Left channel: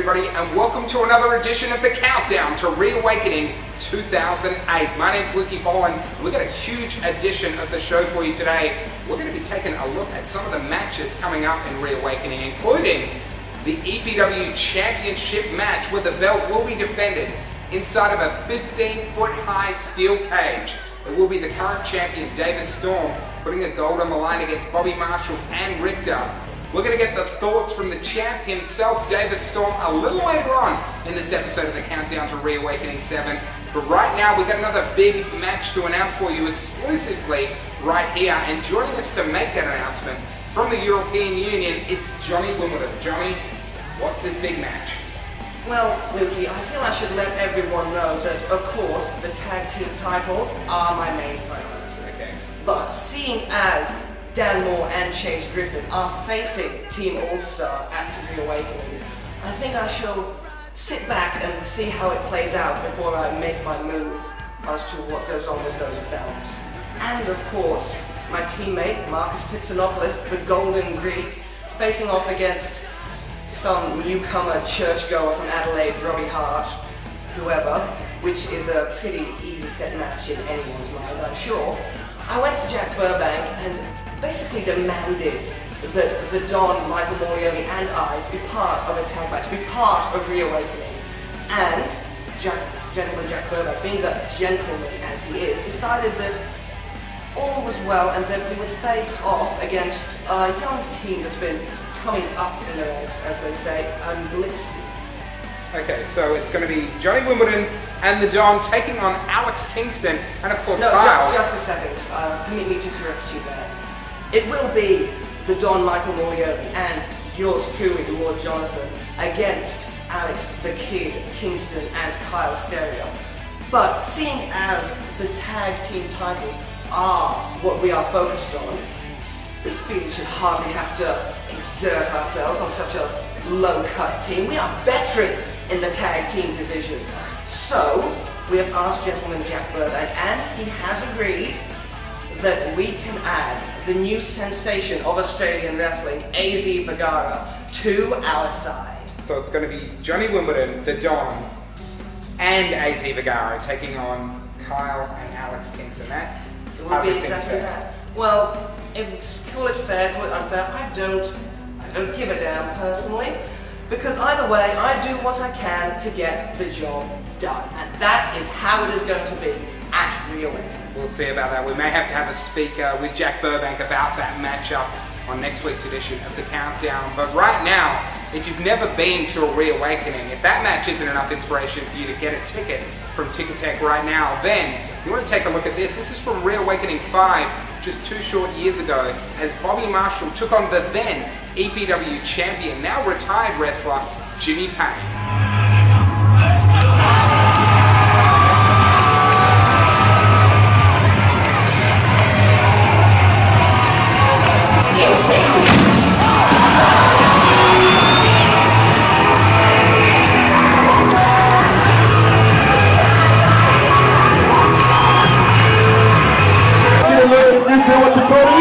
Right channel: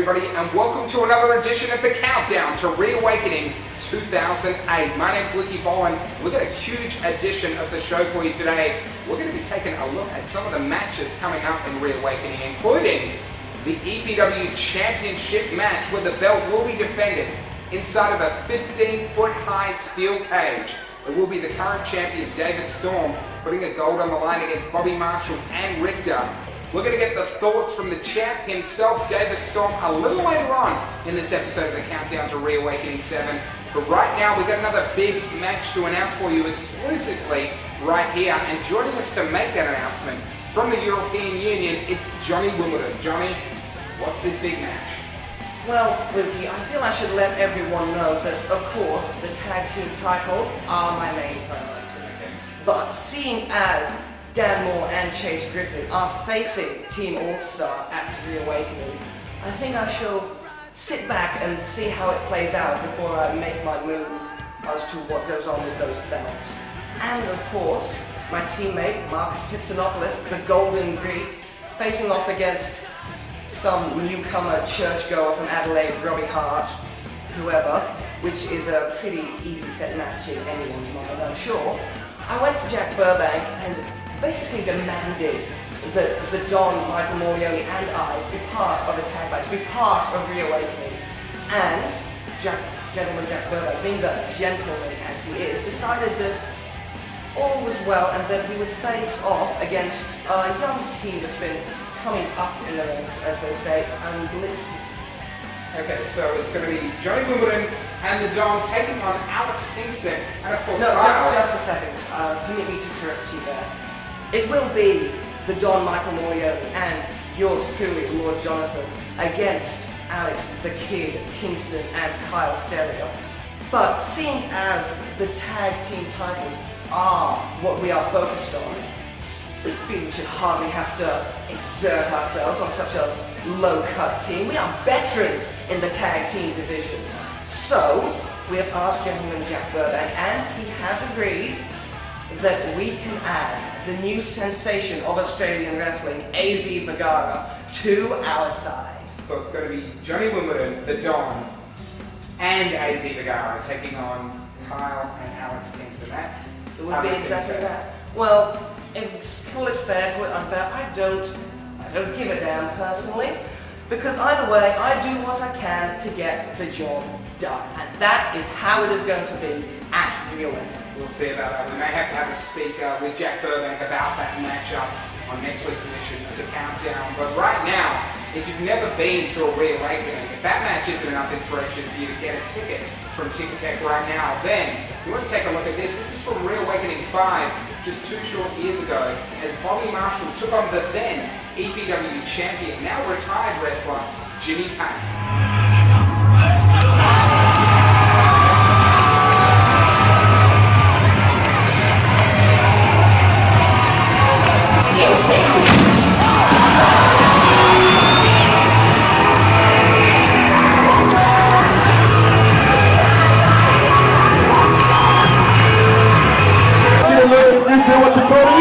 everybody, and welcome to another edition of the Countdown to Reawakening 2008. My name's Lukey Boland, and we've got a huge edition of the show for you today. We're going to be taking a look at some of the matches coming up in Reawakening, including the EPW Championship match where the belt will be defended inside of a 15-foot high steel cage. It will be the current champion, Davis Storm, putting a gold on the line against Bobby Marshall and Richter. We're going to get the thoughts from the champ himself, Davis Storm, a little later on in this episode of the Countdown to Reawakening 7. But right now, we've got another big match to announce for you exclusively right here. And joining us to make that announcement from the European Union, it's Johnny Wimbledon. Johnny, what's this big match? Well, Lukey, I feel I should let everyone know that, of course, the tag team titles are my main priority. Okay. But seeing as Dan Moore and Chase Griffin are facing Team All-Star at Reawakening, I think I shall sit back and see how it plays out before I make my move as to what goes on with those belts. And, of course, my teammate, Marcus Pitsanopoulos, the Golden Greek, facing off against some newcomer churchgoer from Adelaide, Robbie Hart, whoever, which is a pretty easy set match in anyone's mind, I'm sure. I went to Jack Burbank and basically demanded that the Don, Michael Morioni, and I be part of a tag match, be part of Reawakening. And Gentleman Jack Burbank, being the gentleman as he is, decided that all was well and that he would face off against a young team that's been coming up in the ranks, as they say, and Blitz. Okay, so it's going to be Johnny Wimbledon and the Don taking on Alex Kingston and, of course, No, Kyle. just a second. Permit me to correct you there. It will be the Don Michael Morioni and yours truly, Lord Jonathan, against Alex the Kid Kingston and Kyle Stereo. But seeing as the tag team titles are what we are focused on, we feel we should hardly have to exert ourselves on such a low-cut team. We are veterans in the tag team division. So, we have asked Gentleman Jack Burbank, and he has agreed that we can add the new sensation of Australian wrestling, AZ Vergara, to our side. So it's going to be Johnny Wimbledon, the Don, and AZ Vergara taking on Kyle and Alex Kingston. It will be exactly that. Well, call it fair, call it unfair, I don't give a damn personally, because either way, I do what I can to get the job done, and that is how it is going to be at Reawakening. We'll see about that. We may have to have a speaker with Jack Burbank about that matchup on next week's edition of the Countdown. But right now, if you've never been to a Reawakening, if that match isn't enough inspiration for you to get a ticket from Ticketek right now, then you want to take a look at this. This is from Reawakening 5, just 2 short years ago, as Bobby Marshall took on the then EPW champion, now retired wrestler, Jimmy Payne. What you told me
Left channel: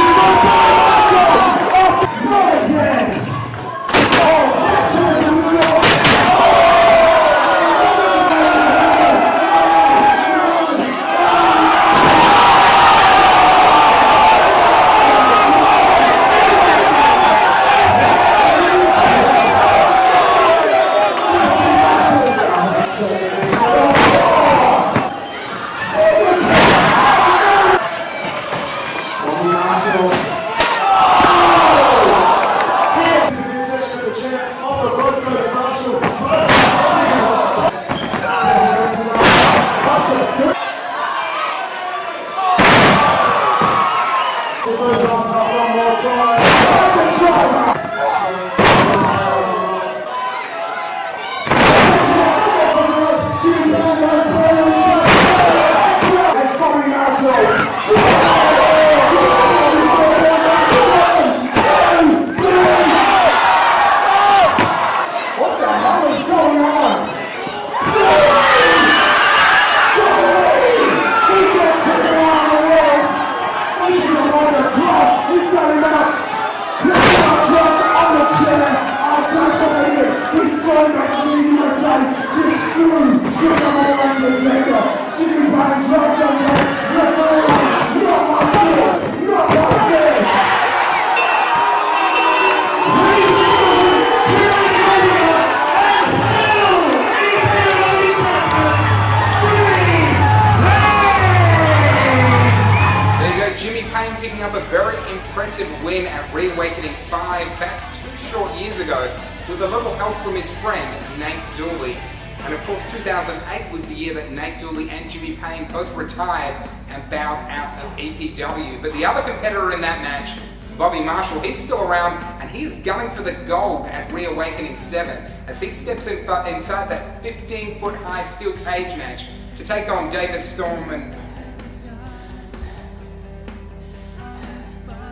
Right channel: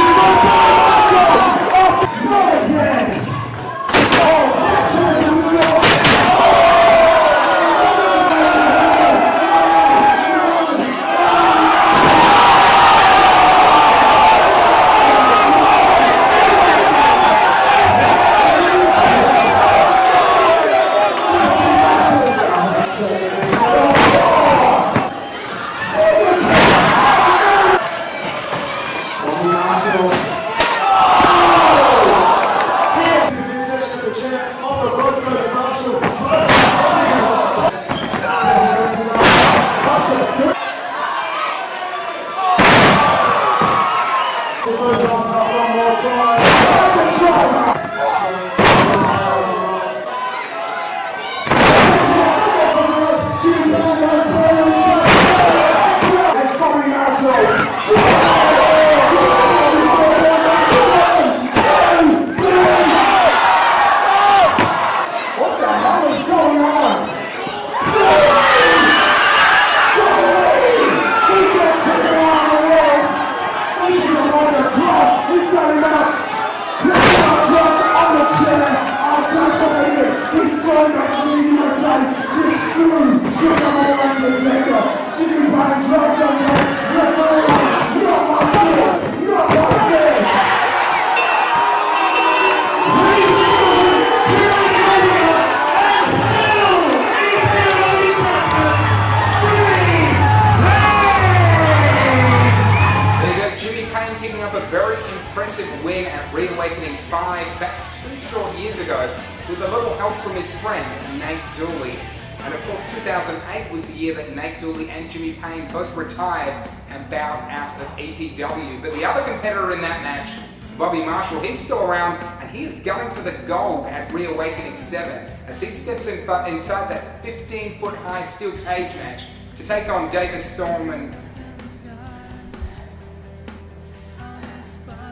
Picking up a very impressive win at Reawakening 5 back 2 short years ago with a little help from his friend Nate Dooley. And of course 2008 was the year that Nate Dooley and Jimmy Payne both retired and bowed out of EPW. But the other competitor in that match, Bobby Marshall, he's still around and he is gunning for the gold at Reawakening 7 as he steps inside that 15-foot high steel cage match to take on David Storm and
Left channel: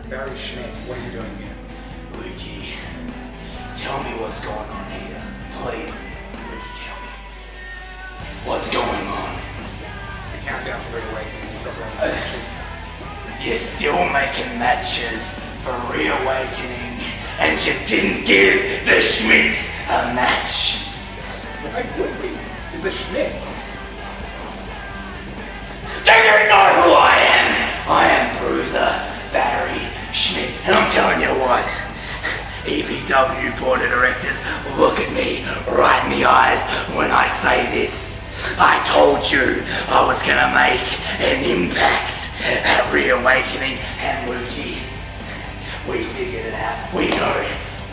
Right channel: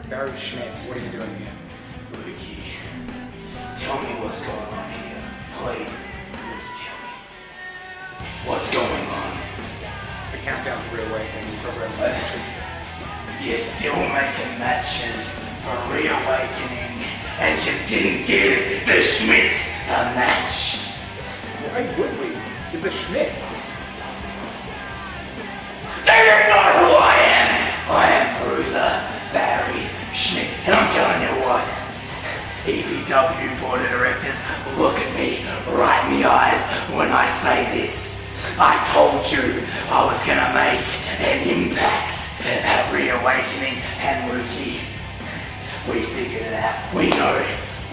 Barry Schmidt. What are you doing here? Lukey, tell me what's going on here. Please, Lukey, tell me. What's going on? The countdown to Reawakening, you talk about matches. You're still making matches for Reawakening, and you didn't give the Schmidts a match. Why would we? It's the Schmidts. Do you know who I am? I am Bruiser Barry Schmidt, and I'm telling you what, EPW Board of Directors, look at me right in the eyes when I say this. I told you I was gonna make an impact at Reawakening, and Lukey, we figured it out. We know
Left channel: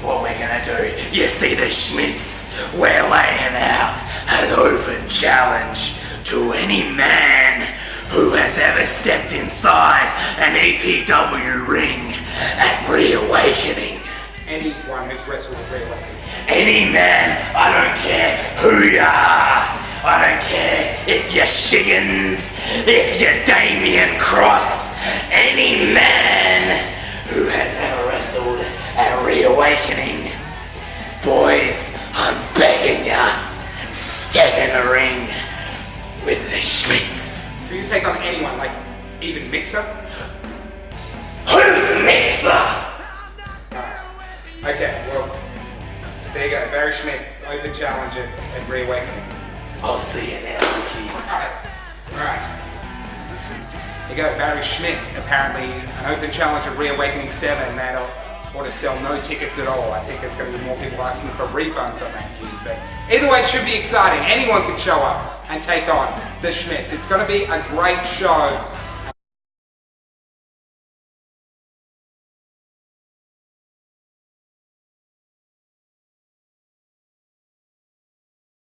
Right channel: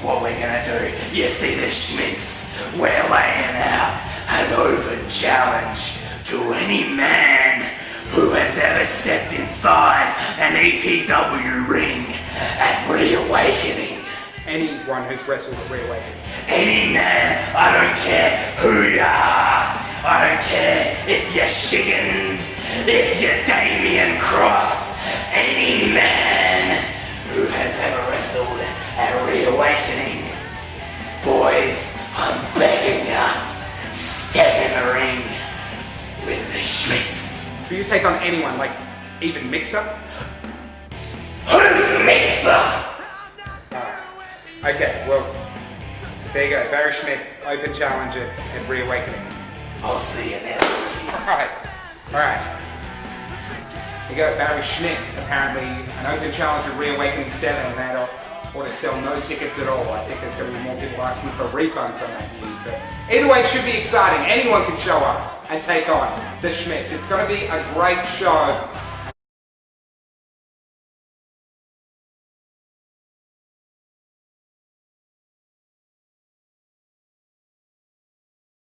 what we're gonna do. You see the Schmidts, we're laying out an open challenge to any man who has ever stepped inside an EPW ring at Reawakening. Anyone who's wrestled at Reawakening. Any man, I don't care who you are. I don't care if you're Shiggins, if you're Damien Cross. Any man who has ever wrestled at Reawakening. Boys, I'm begging ya, step in the ring with the Schmidts. So you take on anyone, like even Mixer? Who's Mixer? Okay, well, there you go. Barry Schmidt, open challenge at Reawakening. I'll see you there, Lukey. Alright. There you go, Barry Schmidt, apparently an open challenge at Reawakening 7. That ought to sell no tickets at all. I think there's going to be more people asking for refunds on that news. But either way, it should be exciting. Anyone could show up and take on the Schmidts. It's going to be a great show.